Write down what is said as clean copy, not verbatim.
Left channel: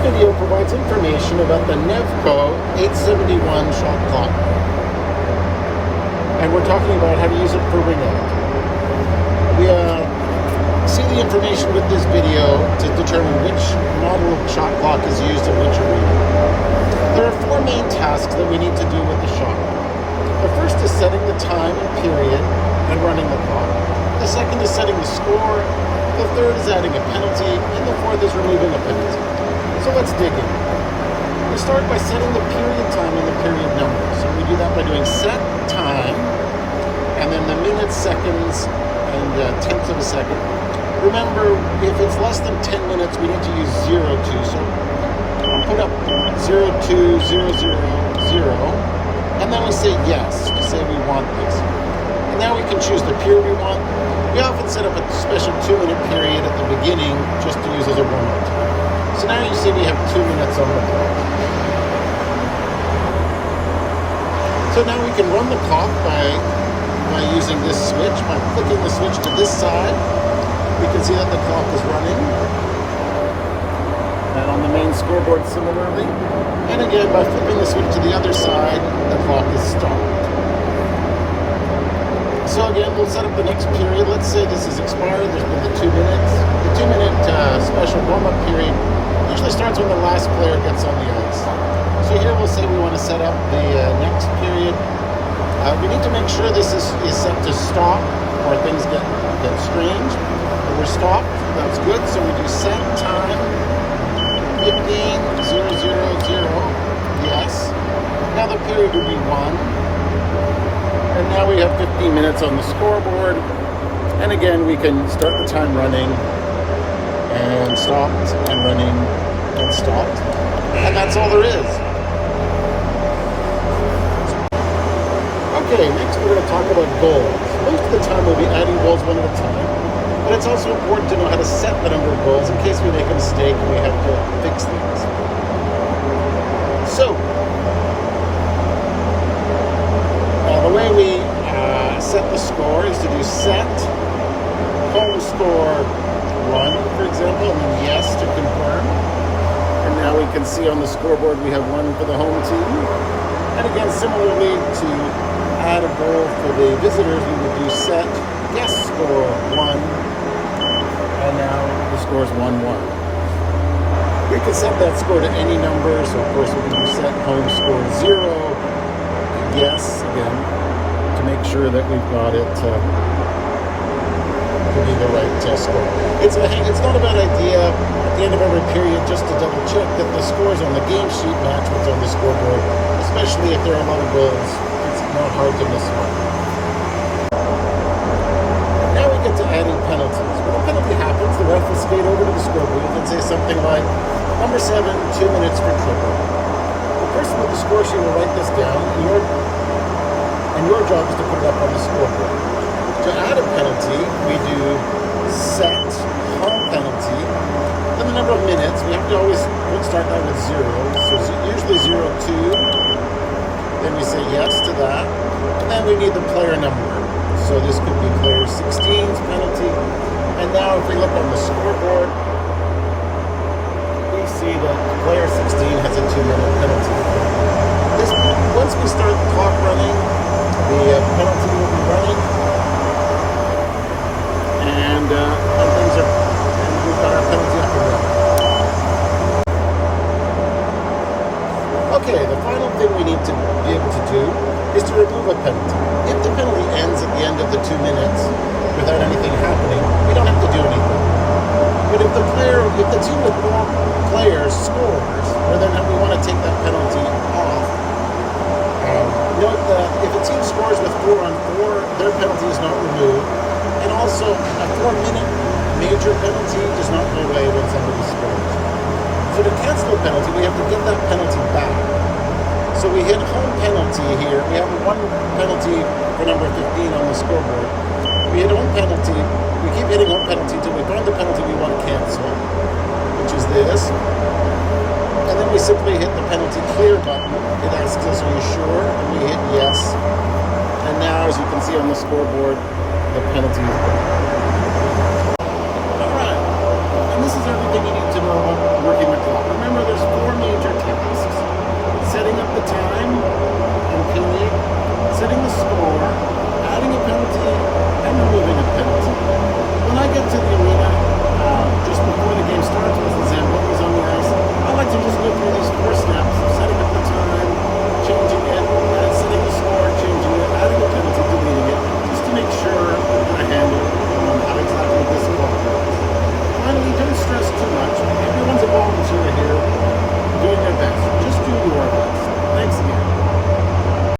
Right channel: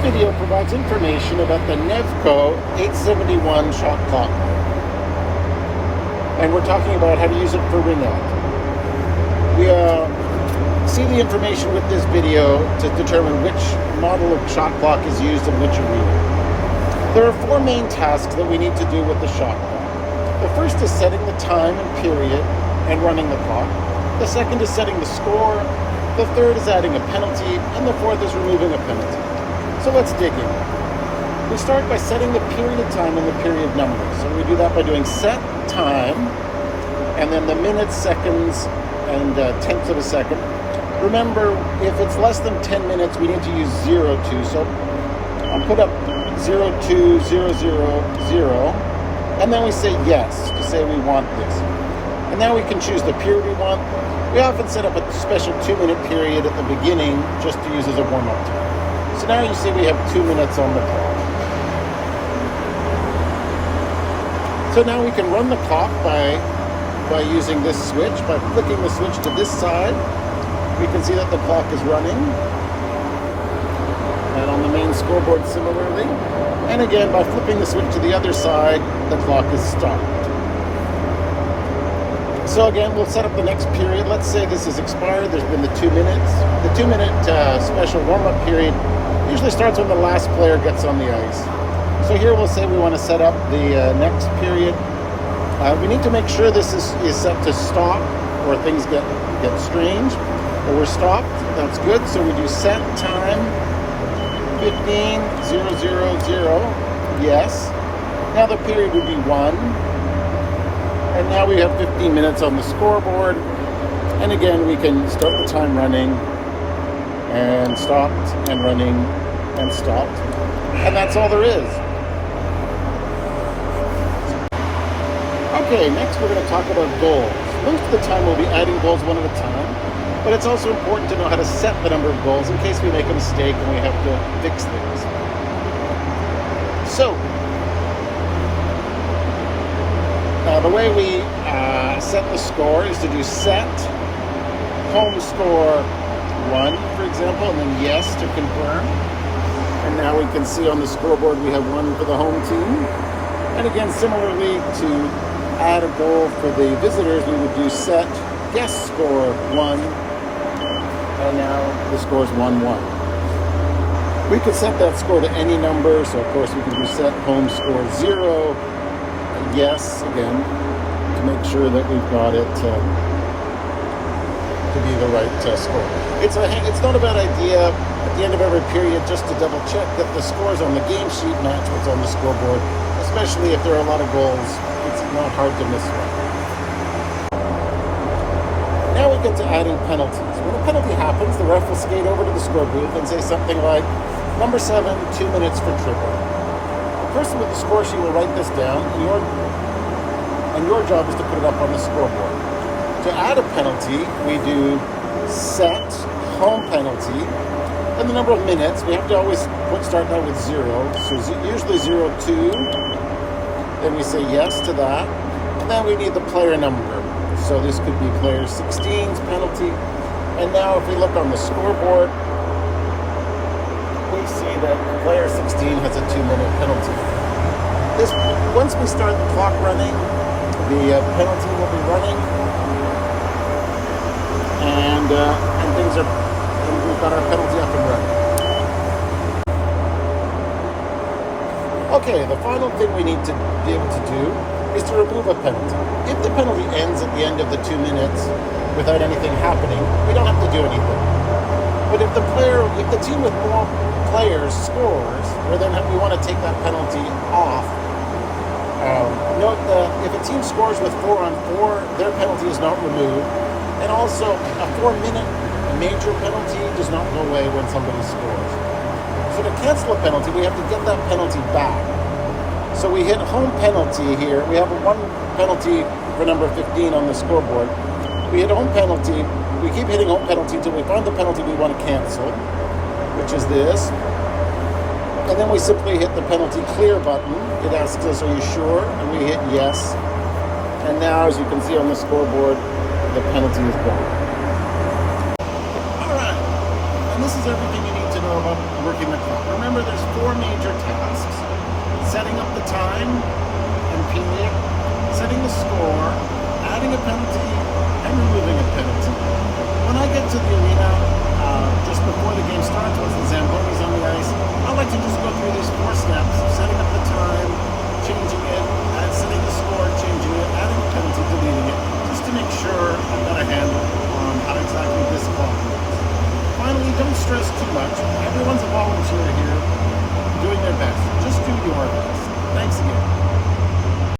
video provides information about the Nevco 871 shot clock. And we're talking about how to use it for winning. We see the information with this video to determine which model of shot clock is used in which arena. There are four main tasks that we need to do with the shot clock. The first is setting the time and period and running the clock. The second is setting the score. The third is adding a penalty. And the fourth is removing a penalty. So let's dig in. We start by setting the period time and the period number. So we do that by doing set time, and then the minutes, seconds, and tenths of a second. Remember, if it's less than 10 minutes, we need to use 02. So I'll put up 02000, and then we say yes. We say we want this. And now we can choose the period we want. We often set up a special 2-minute period at the beginning just to use as a warm-up time. So now you see we have 2 minutes on the clock. So now we can run the clock by using this switch. By flicking the switch to this side, we can see that the clock is running. And on the main scoreboard similarly. And again, by flipping the switch to the other side, the clock is stopped. So again, we'll set up the next period. Let's say this is expired. There's been the 2 minutes. The 2-minute special warm-up period usually starts when the last player gets on the ice. So here we'll say we want to set up the next period. We need to make sure this is set to stop or things get strange. But we're stopped. That's good. So we do set time 15:000. Yes. Now the period will be 1. And now we have 15 minutes on the scoreboard. And again, we can start the time running and stopped and running and stopped. And that's all there is. Okay, next we're going to talk about goals. Most of the time we'll be adding goals one at a time. But it's also important to know how to set the number of goals in case we make a mistake and we have to fix things. So, the way we set the score is to do set, home score 1, for example, and then yes to confirm. And now we can see on the scoreboard we have 1 for the home team. And again, similarly, to add a goal for the visitors, we would do set, guest score 1, and now the score is 1-1. We could set that score to any number, so of course we can do set, home score 0, yes, again, to make sure that we've got it to be the right score. It's not a bad idea at the end of every period just to double check that the scores on the game sheet match what's on the scoreboard, especially if there are a lot of goals. It's not hard to miss one. Now we get to adding penalties. When a penalty happens, the ref will skate over to the scoreboard and say something like, number 7, 2 minutes for tripping. The person with the score sheet will write this down, and your job is to put it up on the scoreboard. To add a penalty, we do set, home penalty, then the number of minutes. We have to always start that with 0, so usually 02. Then we say yes to that. And then we need the player number. So this could be player 16's penalty. And now if we look on the scoreboard, we see that player 16 has a 2-minute penalty. Once we start the clock running, the penalty will be running. And we've got our penalty up and running. Okay, the final thing we need to be able to do is to remove a penalty. If the penalty ends at the end of the 2 minutes without anything happening, we don't have to do anything. But if the team with more players scores, or then we want to take that penalty off, note that if a team scores with 4-on-4, their penalty is not removed. And also, a 4-minute major penalty does not go away when somebody scores. So to cancel a penalty, we have to get that penalty back. So we hit home penalty here. We have 1 penalty for number 15 on the scoreboard. We hit home penalty. We keep hitting home penalty until we find the penalty we want to cancel, which is this. And then we simply hit the penalty clear button. It asks us, are you sure? And we hit yes. And now, as you can see on the scoreboard, the penalty is gone. All right. And this is everything you need to know about